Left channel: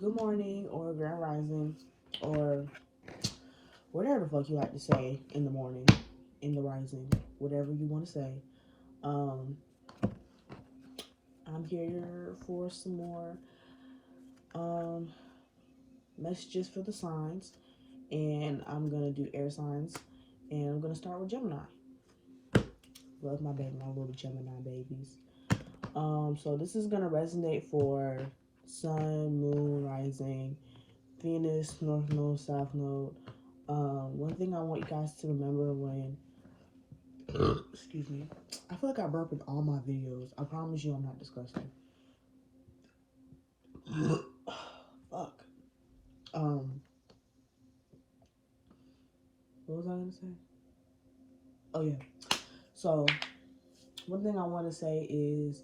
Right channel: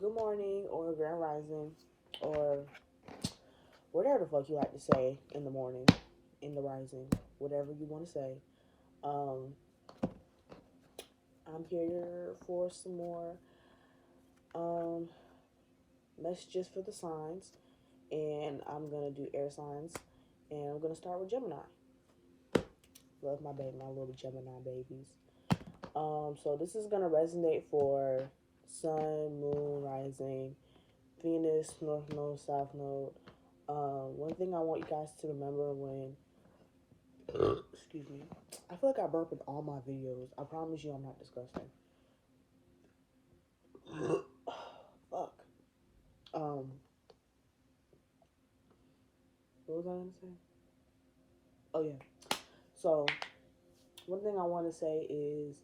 good morning or grand rising or whatever the fuck you like to say in the morning, in the rising, whatever you want to say. Um, I'm here for some more um, messages for the signs, and I'm gonna do air signs, and I'm gonna start with Gemini. Love my baby, my little Gemini babies. So this is gonna resonate for Sun, Moon, Rising, Venus, North Node, South Node. One thing I want you guys to remember when, excuse me, I feel like I burp in all my videos. I promise you I'm not disgusting. Fuck. Um, what was I gonna say? Oh yeah. So one thing I want to say is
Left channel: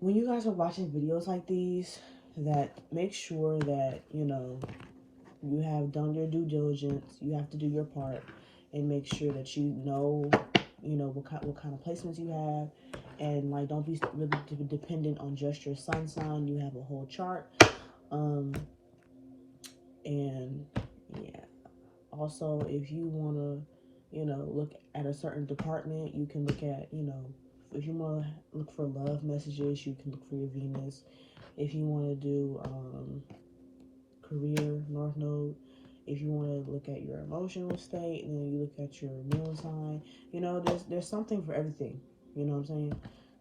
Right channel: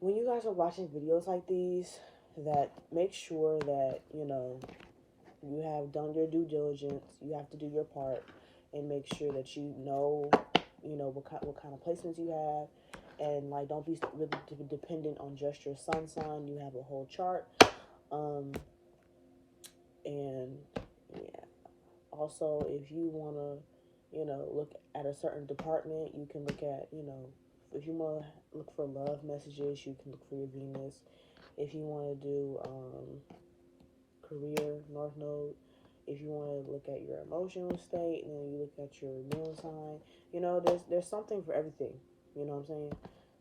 when you guys are watching videos like these, that make sure that you have done your due diligence. You have to do your part and make sure that what kind of placements you have, and like don't be really dependent on just your sun sign. You have a whole chart, um, and yeah. Also, if you wanna, look at a certain department, you can look at, if you wanna look for love messages, you can look for your Venus. If you wanna do career, North Node. If you want to look at your emotional state, and then you look at your moon sign, there's something for everything. You know what I'm saying?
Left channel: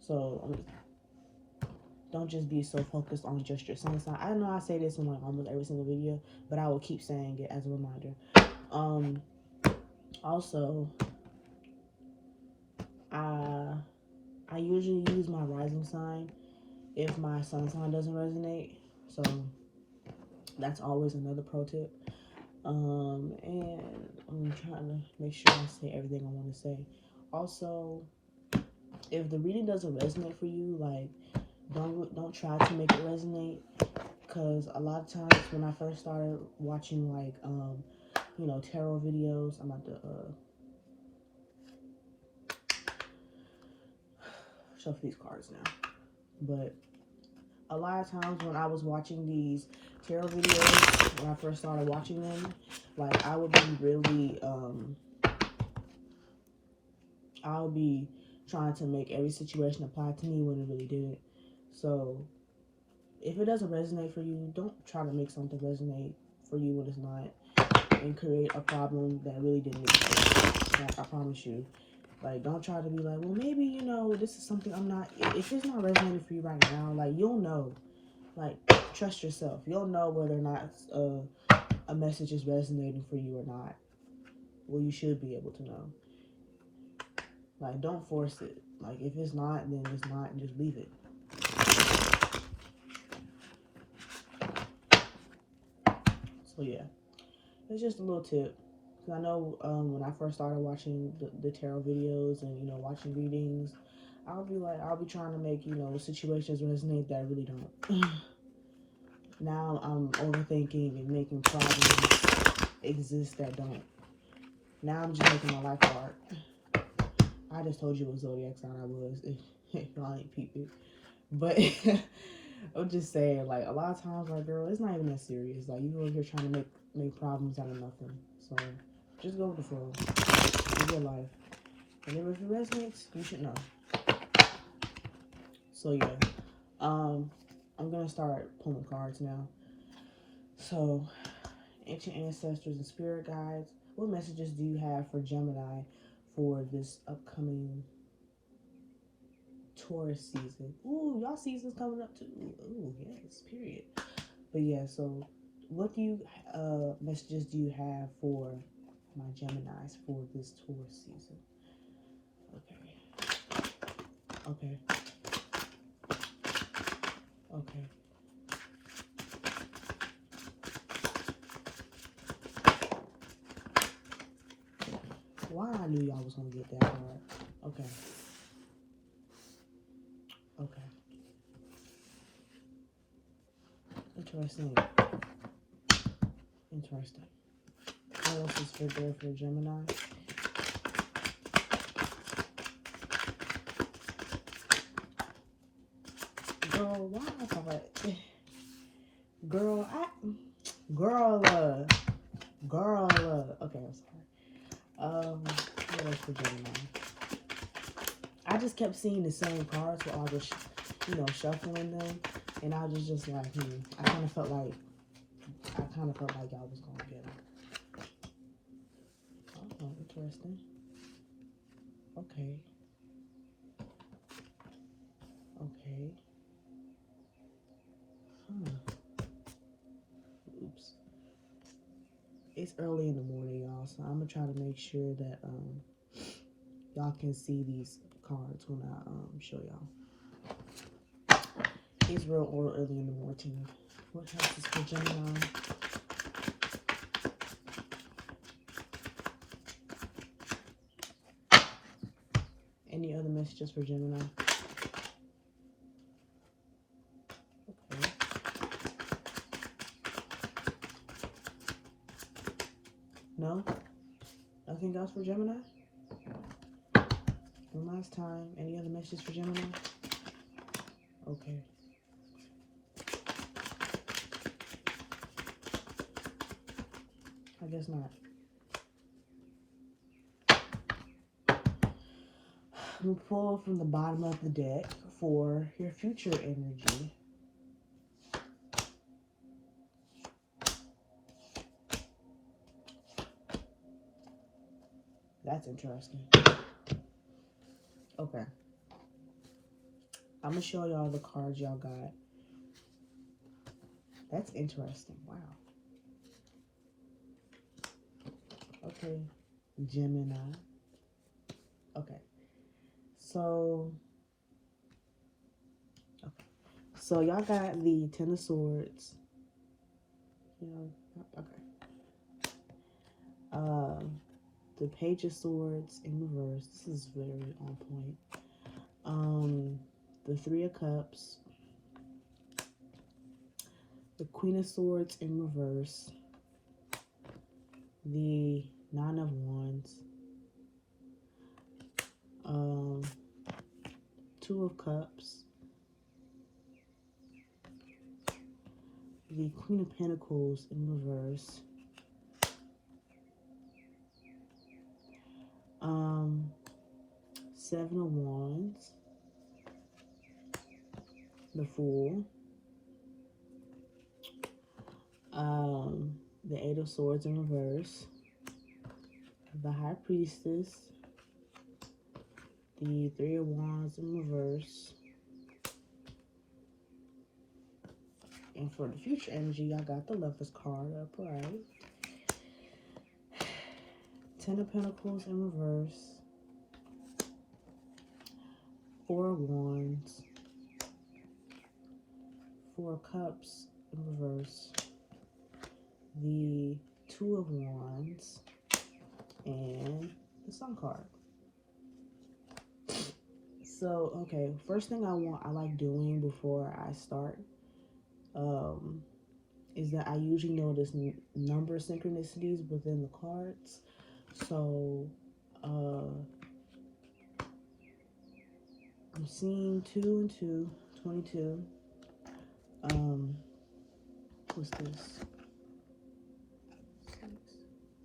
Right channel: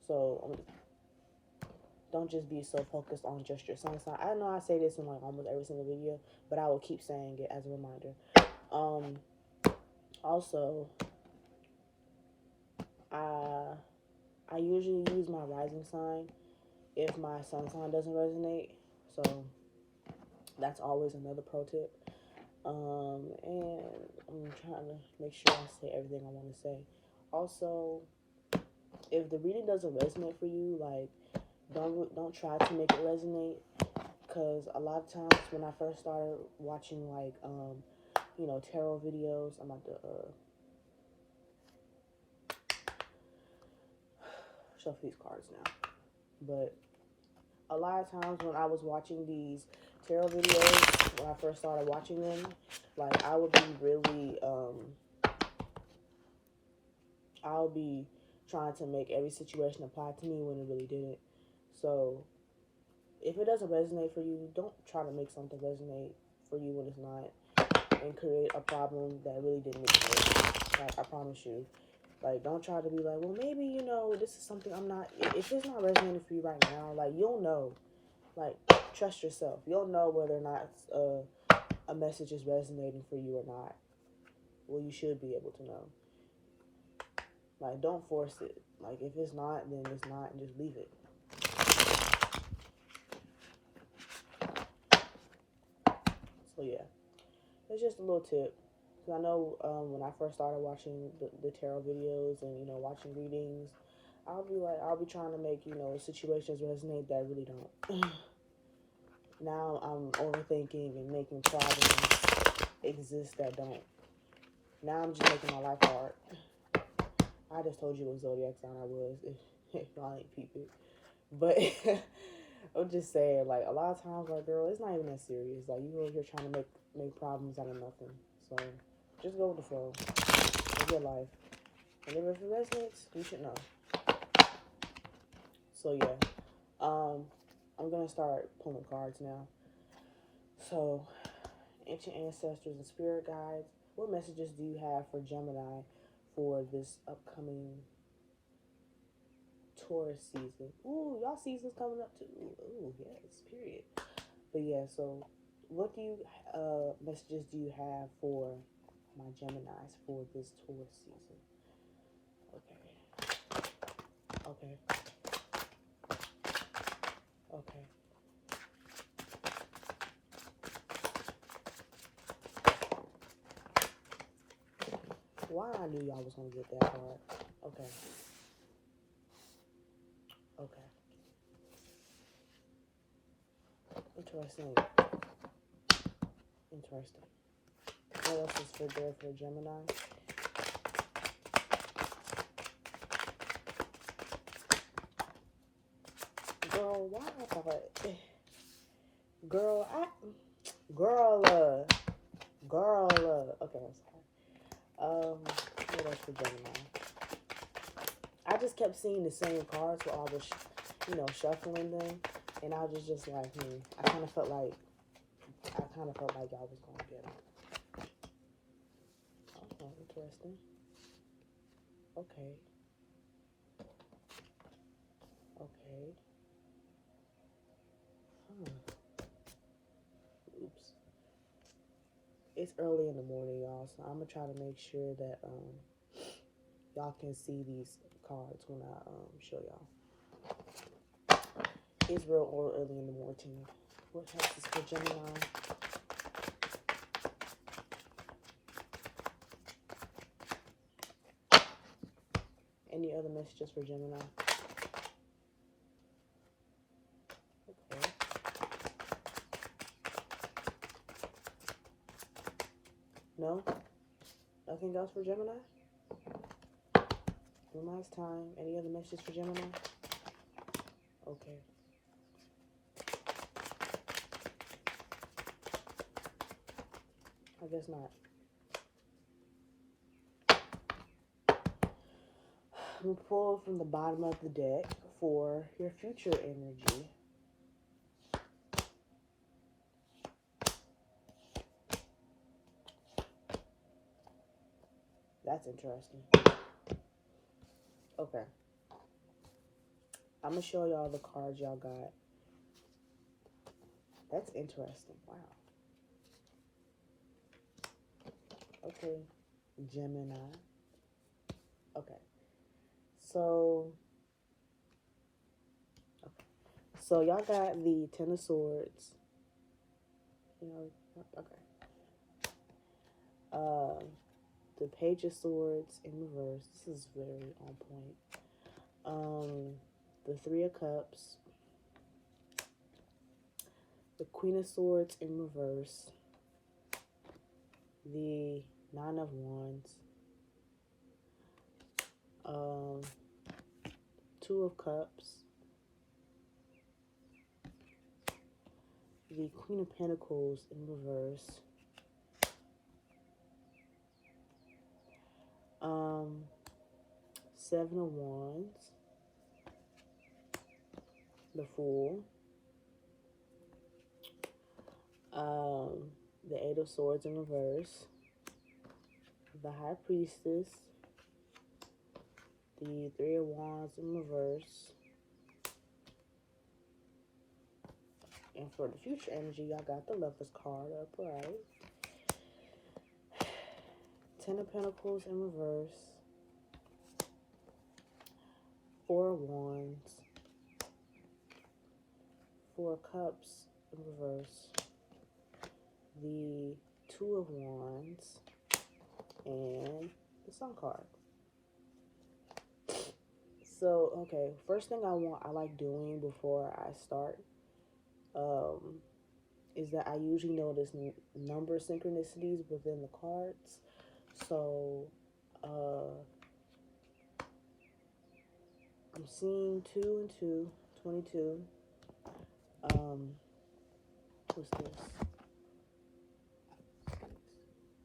So don't just be so focused on just your sun sign. I know I say this in like almost every single video, but I will keep saying it as a reminder. Also, I I usually use my rising sign if my sun sign doesn't resonate. So that's always another pro tip. And I'm trying to make sure I say everything I want to say. Also, if the reading doesn't resonate for you, like don't try to make it resonate, because a lot of times when I first started watching like tarot videos, I'm about to shuffle these cards now. But a lot of times when I was watching these tarot videos, when I first started watching them, like I would be really I would be trying to make every situation apply to me when it really didn't. So if it doesn't resonate for you, don't try to make something resonate for you when it's not, and create a problem that really didn't exist. Like I promise you. Like don't try to be like, well maybe this is something I'm not. If it's not resonating for you right now, like you'll know. Like trust yourself. You'll know whether or not a message is resonating for you or not. Well, you should be able to know. Like don't force it. Like if it's not, then it's not, and just leave it. So yeah, it's just a little tip. Cause I know when I first started watching the tarot videos and watching readings, I'll be trying to make situations resonate that really don't. Now I'm overthinking and making problems exist that don't. Now I'm just making my life hard. I just told you what zodiac sign I was. If y'all ain't peep it. But I'm just saying, like, a lot of times, like, girl, it's not even that serious. Like, you over here trying to make problems out of nothing. So, just go with the flow. Live your life. And if it resonates, you should know. So, yeah. I'm going to start pulling cards now. So, ancient ancestors and spirit guides, what messages do you have for Gemini for this upcoming Taurus season? Ooh, y'all season's coming up too. Ooh, yes, period. But yeah, so what messages do you have for my Geminis for this Taurus season? Okay. Why I knew y'all was gonna get that card. Okay. Interesting. What else is for there for Gemini? Girl, why I thought... Girl, kept seeing the same cards while I was, you know, shuffling them, and I was just like, I kind of felt like y'all was gonna get them. Oh, interesting. Okay. Okay. Oops. It's early in the morning, y'all, so I'm gonna try to make sure that y'all can see these cards when I show y'all. It's real early in the morning. What house is for Gemini? Any other messages for Gemini? Okay. No? Nothing else for Gemini? One last time. Any other messages for Gemini? Okay. I guess not. I'm gonna pull from the bottom of the deck for your future energy. That's interesting. Okay. I'm gonna show y'all the cards y'all got. That's interesting. Wow. Okay. Gemini. Okay. So y'all got the Ten of Swords. You know, okay. The Page of Swords in reverse. This is very on point. The Three of Cups. The Queen of Swords in reverse. The Nine of Wands. Two of Cups. The Queen of Pentacles in reverse. Seven of Wands. The Fool. The Eight of Swords in reverse. The High Priestess. The Three of Wands in reverse. And for the future energy, I got the Lovers card upright. Ten of Pentacles in reverse. Four of Wands. Four of Cups in reverse. The Two of Wands. And the Sun card. So, okay, first thing I like doing before I start is that I usually notice number synchronicities within the cards. So, I'm seeing 2 and 2, 22. What's this?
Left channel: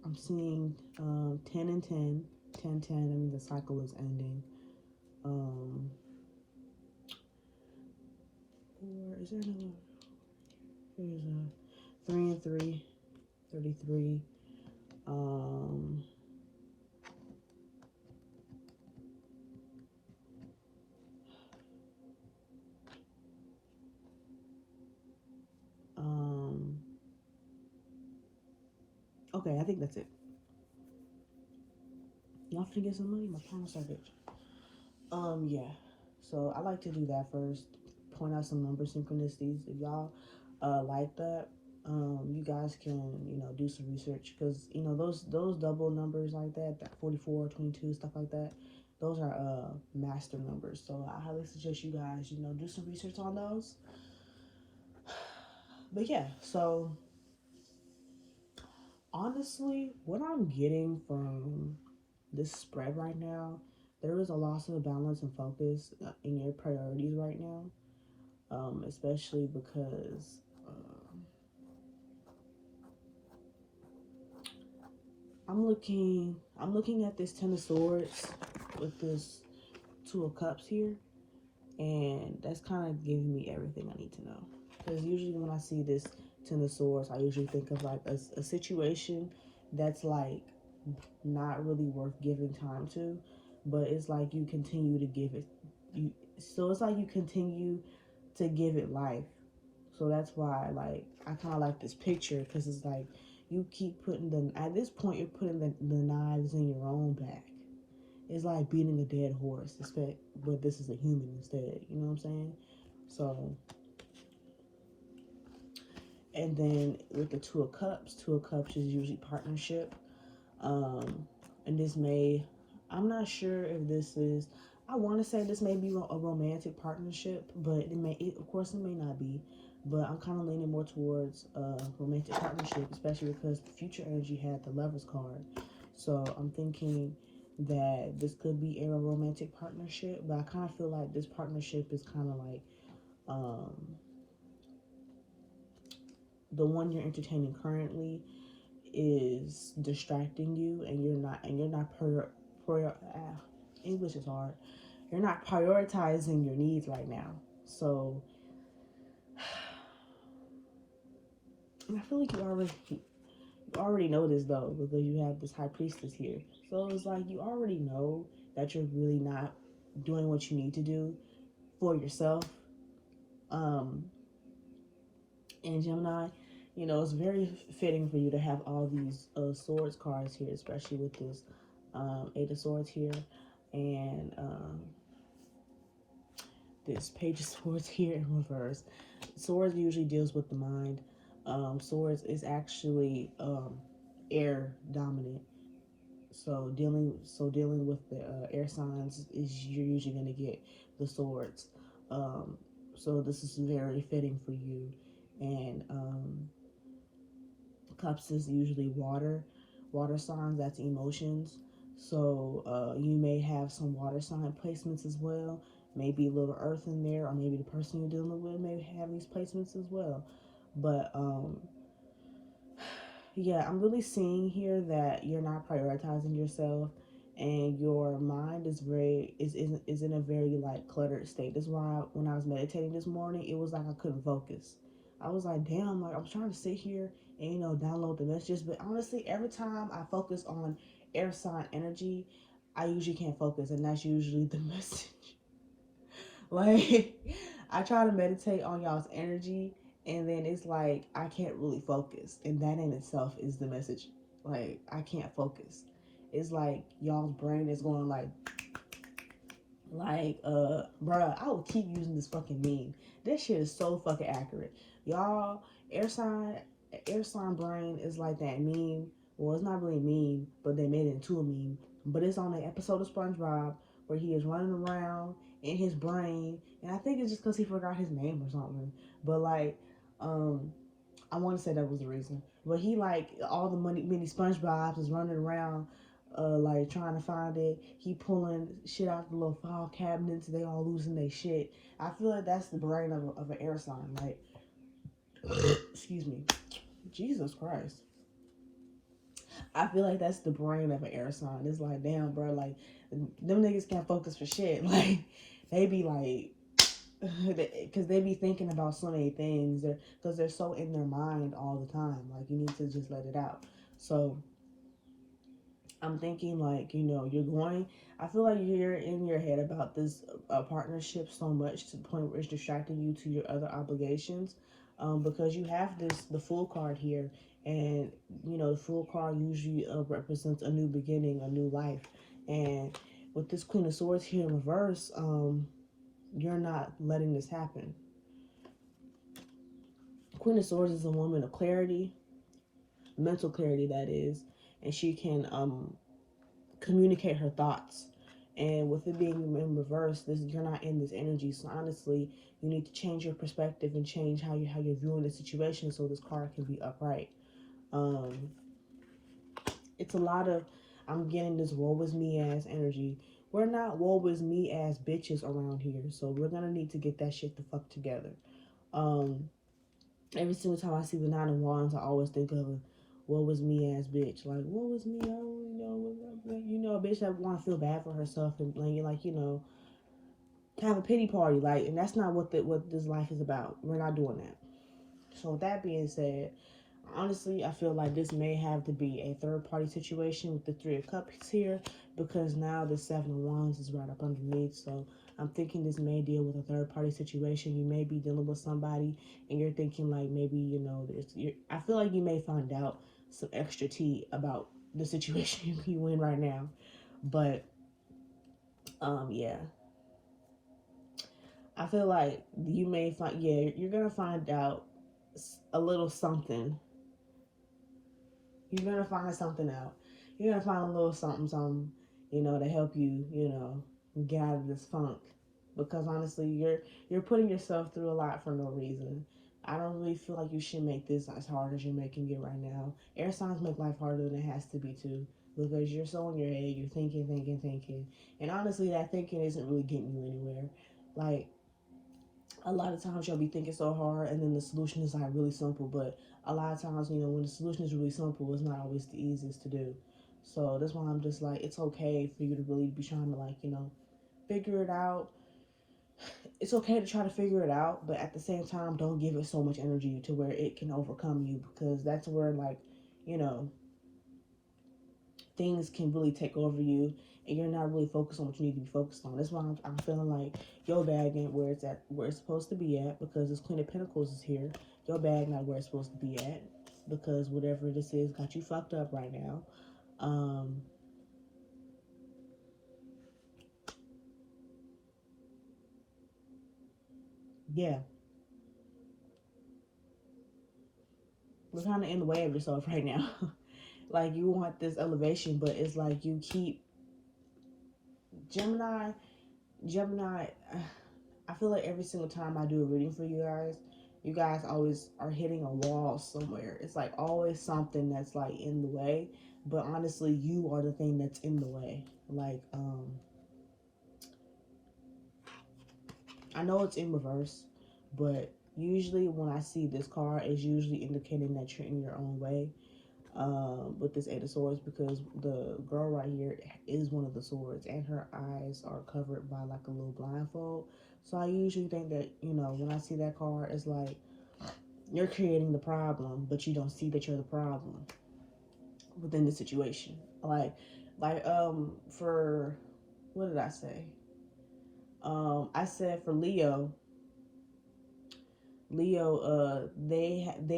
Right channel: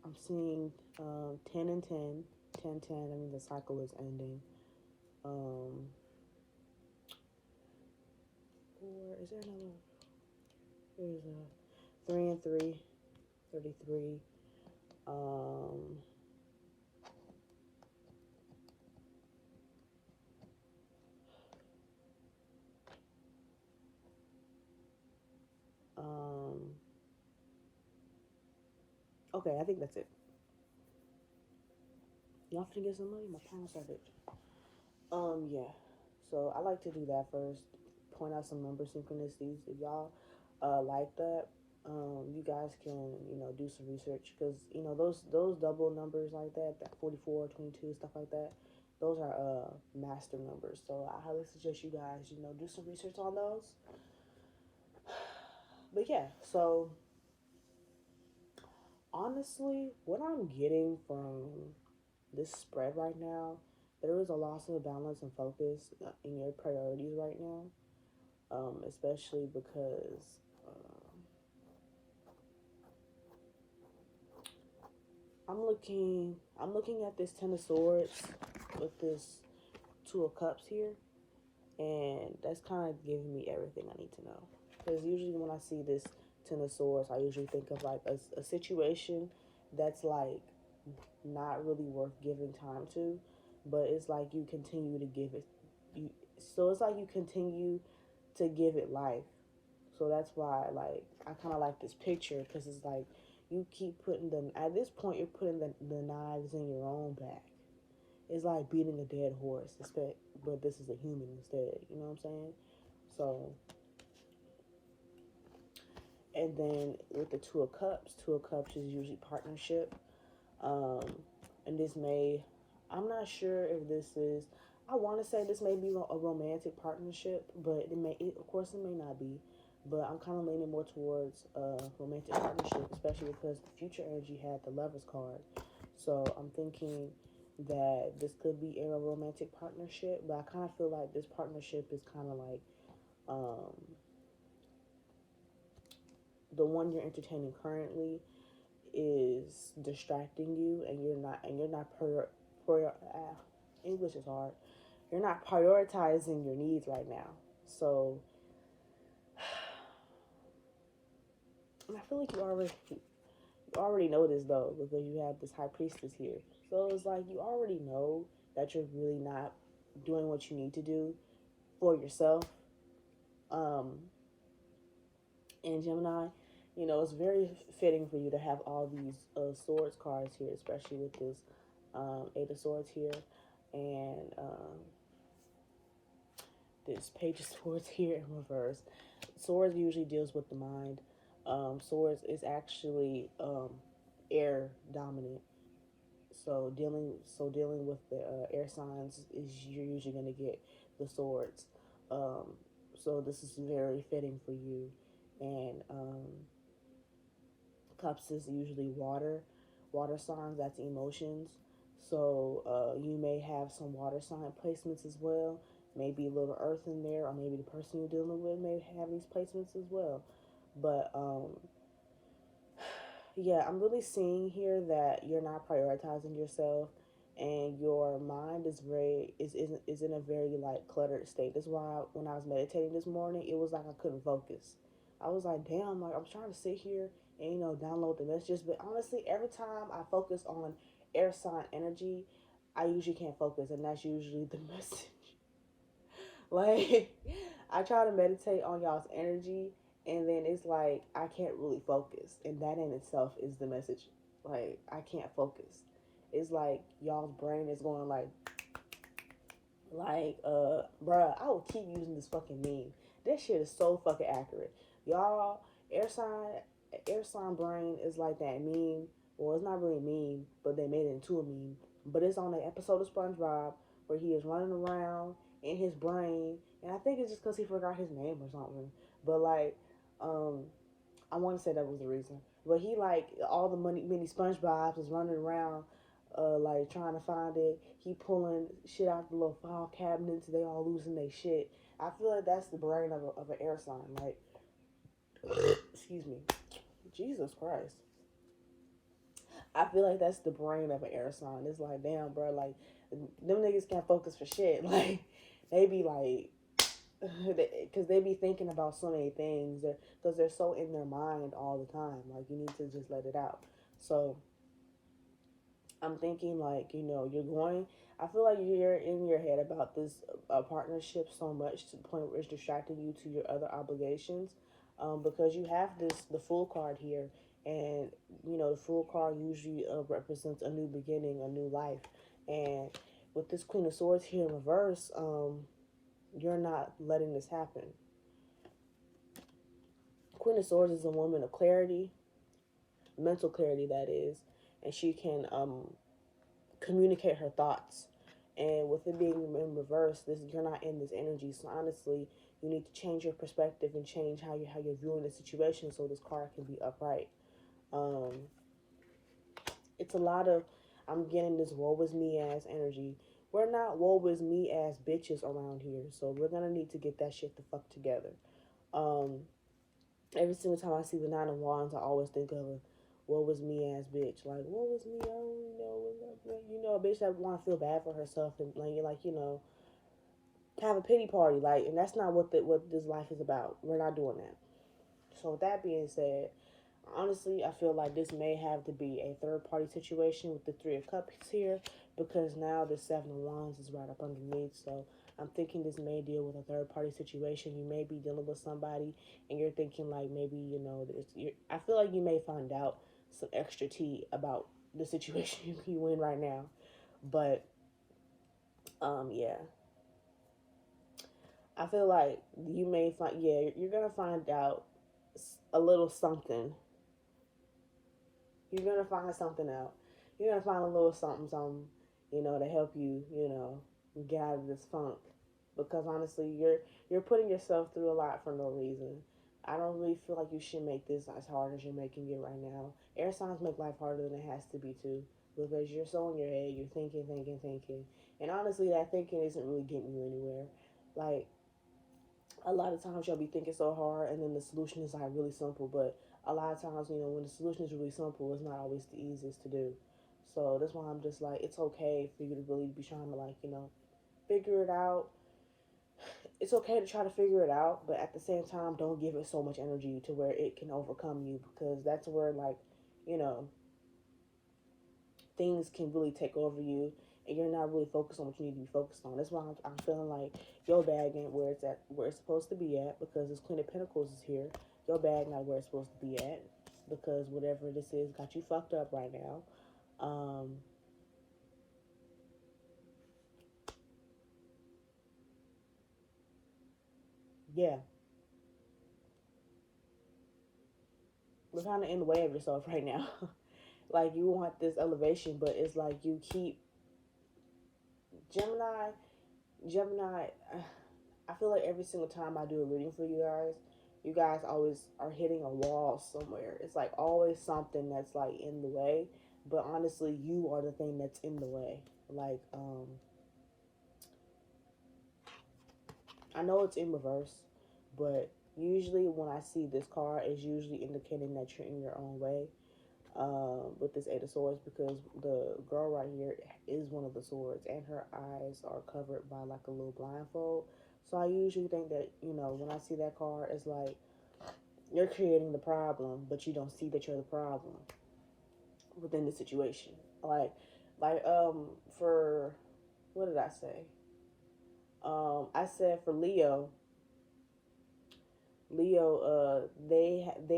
I'm seeing 10 and 10, 10, 10. I mean, the cycle is ending. Or is there another? There's a 3 and 3, 33. Okay, I think that's it. Y'all finna get some money? My promise I did. Yeah. So I like to do that first. Point out some number synchronicities. If y'all like that, you guys can, you know, do some research, because, you know, those double numbers like that 44, 22, stuff like that, those are master numbers. So I highly suggest you guys, you know, do some research on those. But yeah, so honestly, what I'm getting from this spread right now, there is a loss of balance and focus in your priorities right now, especially because I'm looking at this Ten of Swords with this Two of Cups here, and that's kind of giving me everything I need to know. Because usually when I see this Ten of Swords, I usually think of like a situation that's like not really worth giving time to, but it's like you continue to give it. So it's like you continue to give it life. So that's why, like, I kind of like this picture because it's like you keep putting them. At this point, you're putting the knives in your own back. It's like beating a dead horse, but this is a human instead. You know what I'm saying? So, and then with the Two of Cups is usually partnership. Um, and this may, I'm not sure if this is. I want to say this may be a romantic partnership, but of course, it may not be. But I'm kind of leaning more towards a romantic partnership, especially because the future energy had the Lovers card. So I'm thinking that this could be a romantic partnership, but I kind of feel like this partnership is kind of like um, the one you're entertaining currently is distracting you, and you're not English is hard. You're not prioritizing your needs right now. So, and I feel like you already know this though, because you have this High Priestess here. So it's like you already know that you're really not doing what you need to do for yourself. Um, and Gemini, you know, it's very fitting for you to have all these swords cards here, especially with this Eight of Swords here, and this Page of Swords here in reverse. Swords usually deals with the mind. Swords is actually air dominant. So dealing with the air signs is you're usually going to get the swords. Um, so this is very fitting for you. And Cups is usually water signs. That's emotions. So you may have some water sign placements as well. Maybe a little earth in there, or maybe the person you're dealing with may have these placements as well. But yeah, I'm really seeing here that you're not prioritizing yourself, and your mind is in a very like cluttered state. That's why when I was meditating this morning, it was like I couldn't focus. I was like, damn, like I was trying to sit here and download the messages, but honestly, every time I focus on air sign energy, I usually can't focus, and that's usually the message. Like, I try to meditate on y'all's energy, and then it's like I can't really focus, and that in itself is the message. Like, I can't focus. It's like y'all's brain is going bruh, I will keep using this fucking meme. This shit is so fucking accurate. Y'all, air sign, air sign brain is like that meme. Well, it's not really a meme, but they made it into a meme. But it's on an episode of SpongeBob where he is running around in his brain, and I think it's just because he forgot his name or something. But like, um, I want to say that was the reason. But he like all the mini SpongeBobs is running around, like trying to find it. He pulling shit out the little file cabinets. They all losing their shit. I feel like that's the brain of an air sign. Like, excuse me, Jesus Christ. I feel like that's the brain of an air sign. It's like, damn, bro, like them niggas can't focus for shit. Like, they be like, because they be thinking about so many things, because they're so in their mind all the time. Like, you need to just let it out. So I'm thinking, like, you're going, I feel like you're in your head about this partnership so much to the point where it's distracting you to your other obligations, because you have the Fool card here, and the Fool card usually represents a new beginning, a new life. And with this Queen of Swords here in reverse, you're not letting this happen. Queen of Swords is a woman of clarity, mental clarity, that is, and she can communicate her thoughts. And with it being in reverse, you're not in this energy. So honestly, you need to change your perspective and change how you're viewing the situation so this card can be upright. It's a lot of, I'm getting this woe is me ass energy. We're not woe is me ass bitches around here, so we're gonna need to get that shit the fuck together. Every single time I see the Nine of Wands, I always think of a what was me ass bitch. Like, what was me? I don't know. A bitch that want to feel bad for herself and like to have a pity party, like, and that's not what this life is about. We're not doing that. So with that being said, honestly, I feel like this may have to be a third party situation with the Three of Cups here, because now the Seven of Wands is right up underneath. So I'm thinking this may deal with a third party situation. You may be dealing with somebody and you're thinking like maybe, you know, I feel like you may find out some extra tea about the situation you in right now. But yeah. I feel like you may find, yeah, you're gonna find out a little something. You're gonna find something out. You're gonna find a little something, something, you know, to help you, you know, get out of this funk. Because honestly, you're putting yourself through a lot for no reason. I don't really feel like you should make this as hard as you're making it right now. Air signs make life harder than it has to be too. Because you're so in your head, you're thinking, thinking, thinking. And honestly, that thinking isn't really getting you anywhere. Like, a lot of times you'll be thinking so hard and then the solution is like really simple, but a lot of times, you know, when the solution is really simple, it's not always the easiest to do. So that's why I'm just like, it's okay for you to really be trying to, like, you know, figure it out. It's okay to try to figure it out, but at the same time, don't give it so much energy to where it can overcome you, because that's where, like, you know, things can really take over you and you're not really focused on what you need to be focused on. That's why I'm feeling like your bag ain't where it's at, where it's supposed to be at, because this Queen of Pentacles is here. Your bag not where it's supposed to be at, because whatever this is got you fucked up right now. Yeah, you're kind of in the way of yourself right now. Like, you want this elevation, but it's like you keep Gemini. Gemini, I feel like every single time I do a reading for you guys always are hitting a wall somewhere. It's like always something that's like in the way, but honestly, you are the thing that's in the way. Like, I know it's in reverse, but usually when I see this card, it's usually indicating that you're in your own way. With this Eight of Swords, because the girl right here is one of the swords and her eyes are covered by like a little blindfold. So I usually think that, you know, when I see that card, it's like you're creating the problem, but you don't see that you're the problem within the situation. For, what did I say? I said for they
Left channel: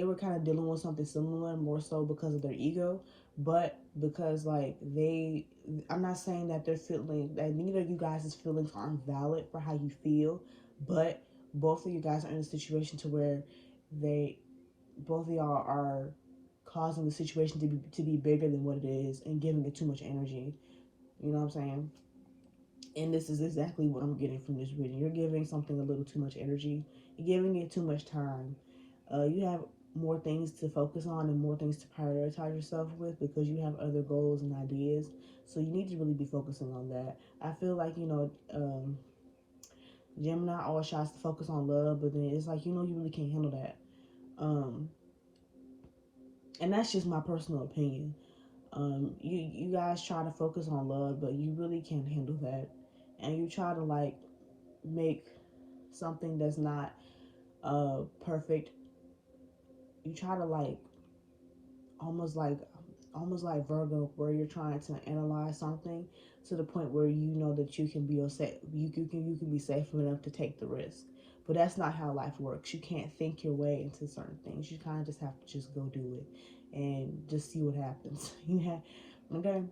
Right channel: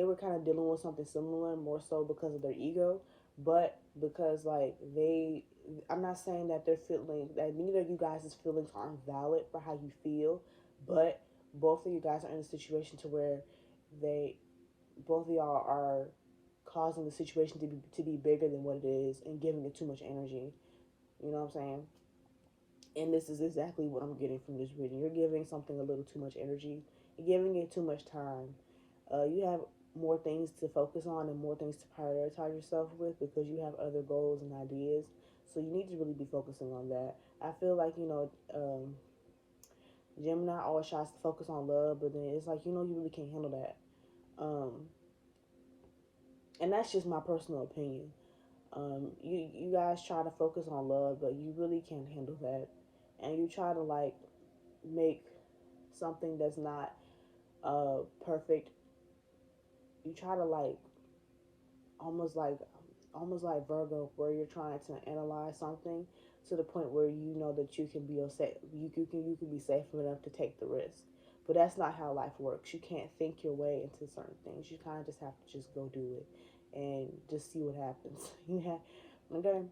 were kind of dealing with something similar, more so because of their ego, but because like I'm not saying that they're feeling that neither of you guys' feelings aren't valid for how you feel, but both of you guys are in a situation to where they both of y'all are causing the situation to be bigger than what it is and giving it too much energy. You know what I'm saying? And this is exactly what I'm getting from this reading. You're giving something a little too much energy. You're giving it too much time. You have more things to focus on and more things to prioritize yourself with, because you have other goals and ideas. So you need to really be focusing on that. I feel like, you know, Gemini always tries to focus on love, but then it's like, you know, you really can't handle that. Um, and that's just my personal opinion. You guys try to focus on love, but you really can't handle that. And you try to like make something that's not perfect. You try to like almost like almost like Virgo, where you're trying to analyze something to the point where you know that you can be safe. You can be safe enough to take the risk. But that's not how life works. You can't think your way into certain things. You kind of just have to just go do it and just see what happens. Okay.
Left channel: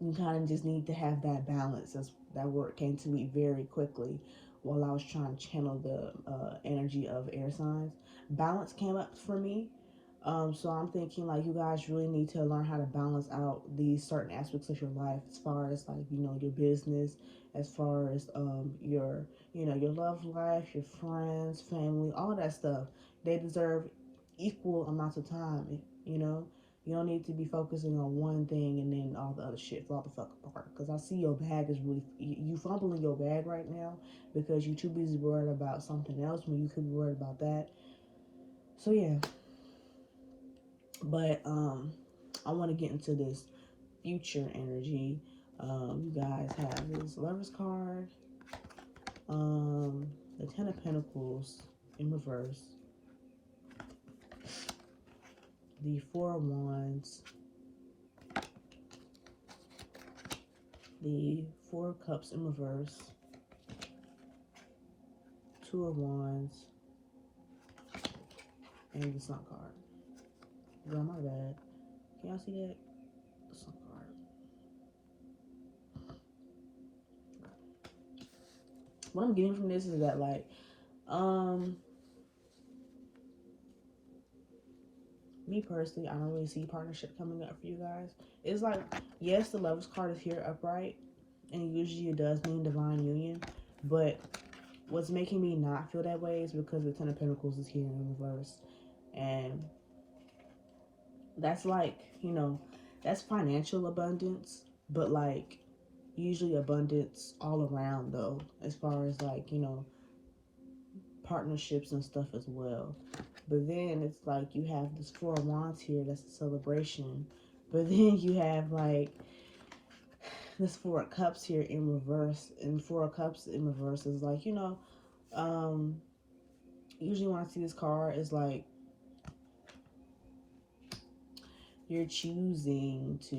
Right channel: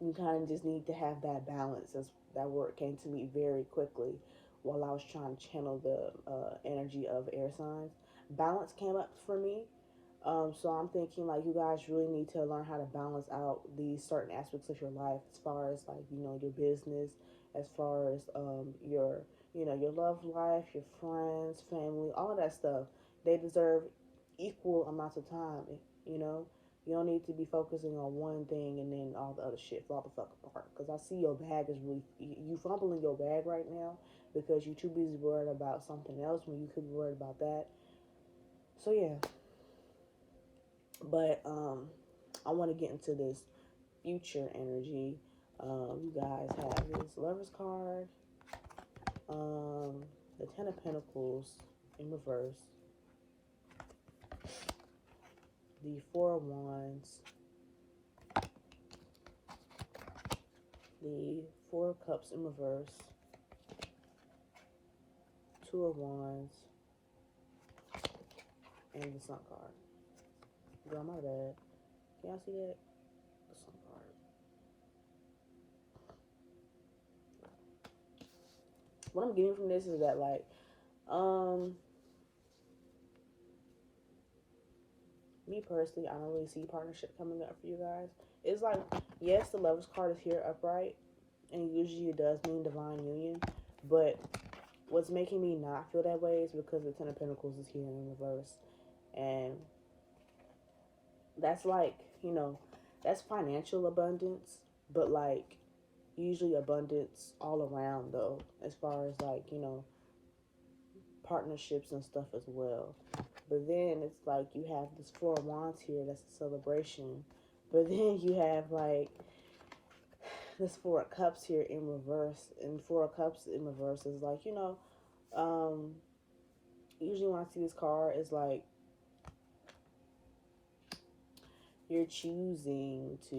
You kind of just need to have that balance. That word came to me very quickly while I was trying to channel the energy of air signs. Balance came up for me. So I'm thinking like you guys really need to learn how to balance out these certain aspects of your life, as far as like, you know, your business, as far as your, you know, your love life, your friends, family, all of that stuff. They deserve equal amounts of time. You know, you don't need to be focusing on one thing and then all the other shit fall the fuck apart. Because I see your bag is really, you fumbling your bag right now because you're too busy worried about something else when you could be worried about that. So yeah. But I want to get into this future energy. You guys have this Lover's card, The Ten of Pentacles in reverse, the Four of Wands, the Four of Cups in reverse, Two of Wands, and the Sun card. Girl, my bad. Can y'all see that? The Sun card. What I'm getting from this is that, like, me personally, I don't really see partnership coming up for you guys. It's like, yes, the Lovers card is here upright, and usually it does mean divine union, but what's making me not feel that way is because the Ten of Pentacles is here in reverse, and that's like, you know, that's financial abundance, but like usually abundance all around though, as far as like, you know, partnerships and stuff as well. But then it's like you have this Four of Wands here, that's a celebration, but then you have like this Four of Cups here in reverse, and Four of Cups in reverse is like, you know, usually when I see this card, it's like you're choosing to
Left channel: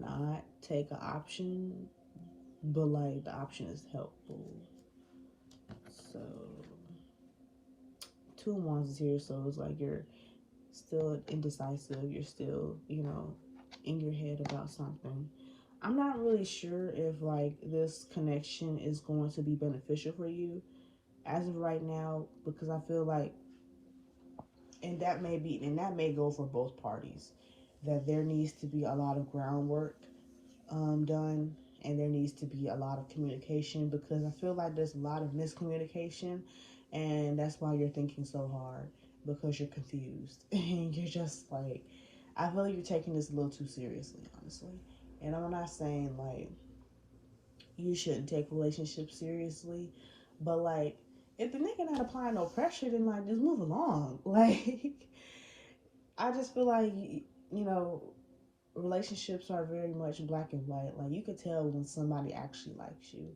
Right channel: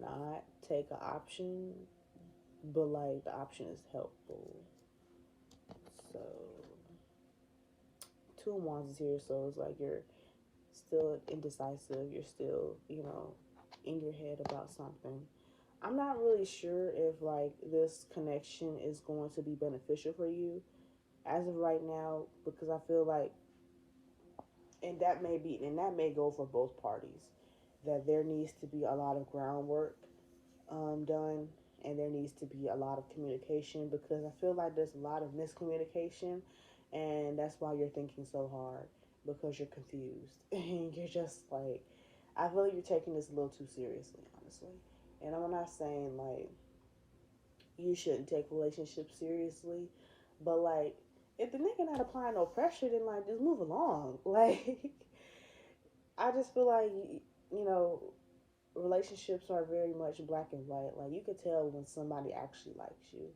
not take an option, but like the option is helpful. So Two of Wands is here, so it's like you're still indecisive, you're still, you know, in your head about something. I'm not really sure if like this connection is going to be beneficial for you as of right now, because I feel like, and that may go for both parties, that there needs to be a lot of groundwork done, and there needs to be a lot of communication, because I feel like there's a lot of miscommunication, and that's why you're thinking so hard, because you're confused and you're just like, I feel like you're taking this a little too seriously, honestly. And I'm not saying like you shouldn't take relationships seriously, but like if the nigga not applying no pressure, then like just move along. Like I just feel like, you know, relationships are very much black and white. Like you could tell when somebody actually likes you,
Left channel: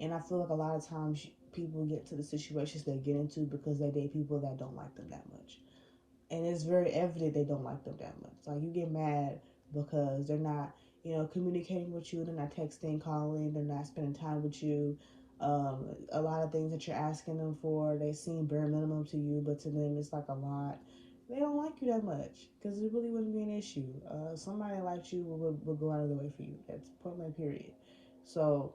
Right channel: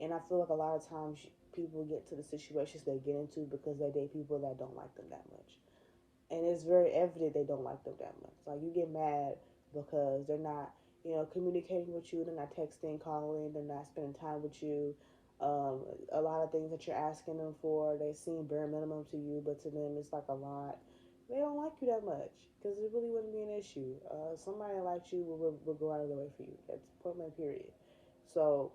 and I feel like a lot of times people get to the situations they get into because they date people that don't like them that much, and it's very evident they don't like them that much. Like you get mad because they're not, you know, communicating with you, they're not texting, calling, they're not spending time with you. A lot of things that you're asking them for, they seem bare minimum to you, but to them it's like a lot. They don't like you that much because it really wouldn't be an issue. Somebody likes you will go out of the way for you. That's point blank period. So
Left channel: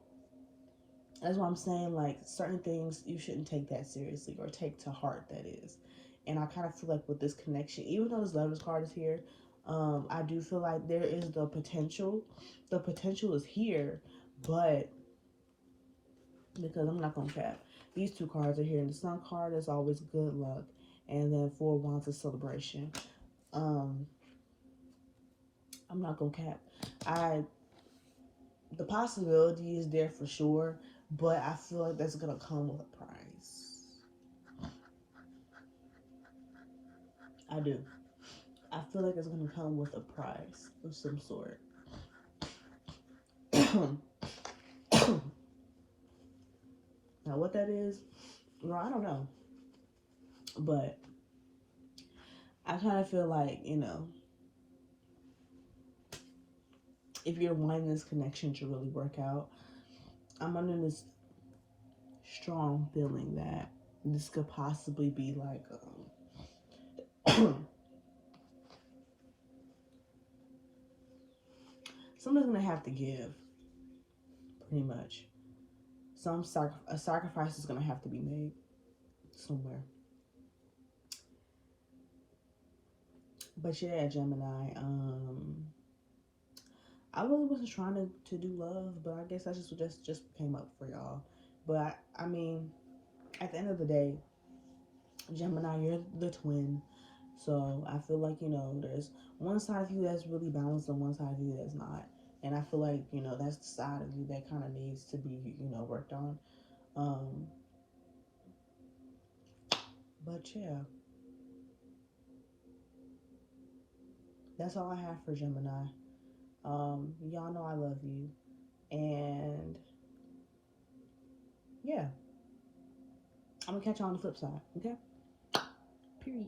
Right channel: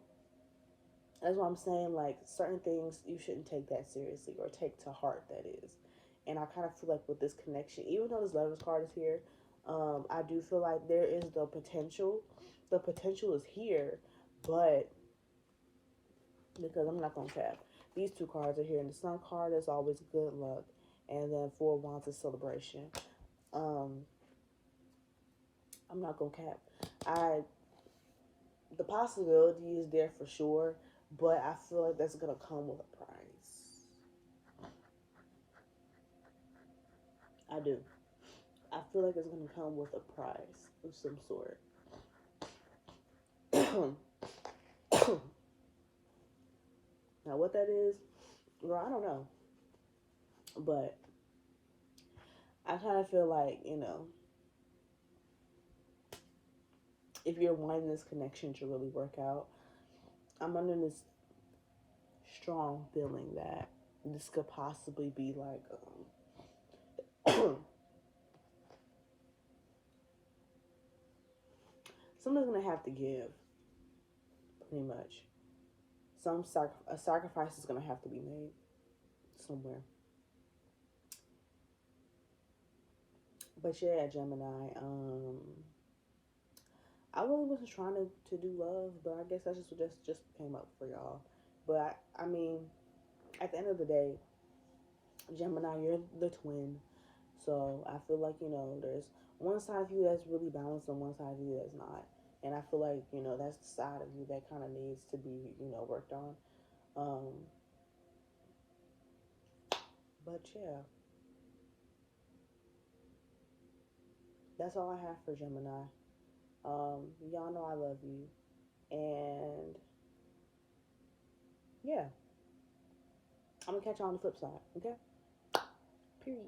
that's what I'm saying. Like certain things you shouldn't take that seriously or take to heart. That is, and I kind of feel like with this connection, even though this Lovers card is here, I do feel like there is the potential. The potential is here, but because I'm not gonna cap, these two cards are here, and the Sun card is always good luck, and then Four of Wands is celebration. Um, I'm not gonna cap. The possibility is there for sure, but I feel like that's gonna come with a price. I do. I feel like it's gonna come with a price of some sort. Now, what that is, well, I don't know, but I kind of feel like, you know, if you're wanting this connection to really work out, I'm under this strong feeling that this could possibly be like someone's gonna have to give, pretty much. A sacrifice is gonna have to be made somewhere. But yeah, Gemini. I really wasn't trying to do love, but I guess that just came up for y'all. But I mean, at the end of the day, Gemini, you're the twin. So I feel like, you know, there's one side of you that's really balanced and one side of you that's not. And I feel like, you know, that's the side of you that kind of needs to be, you know, worked on. But yeah, that's all I have for Gemini. Y'all know I love you. And yeah. I'm gonna catch you on the flip side. Okay. Period.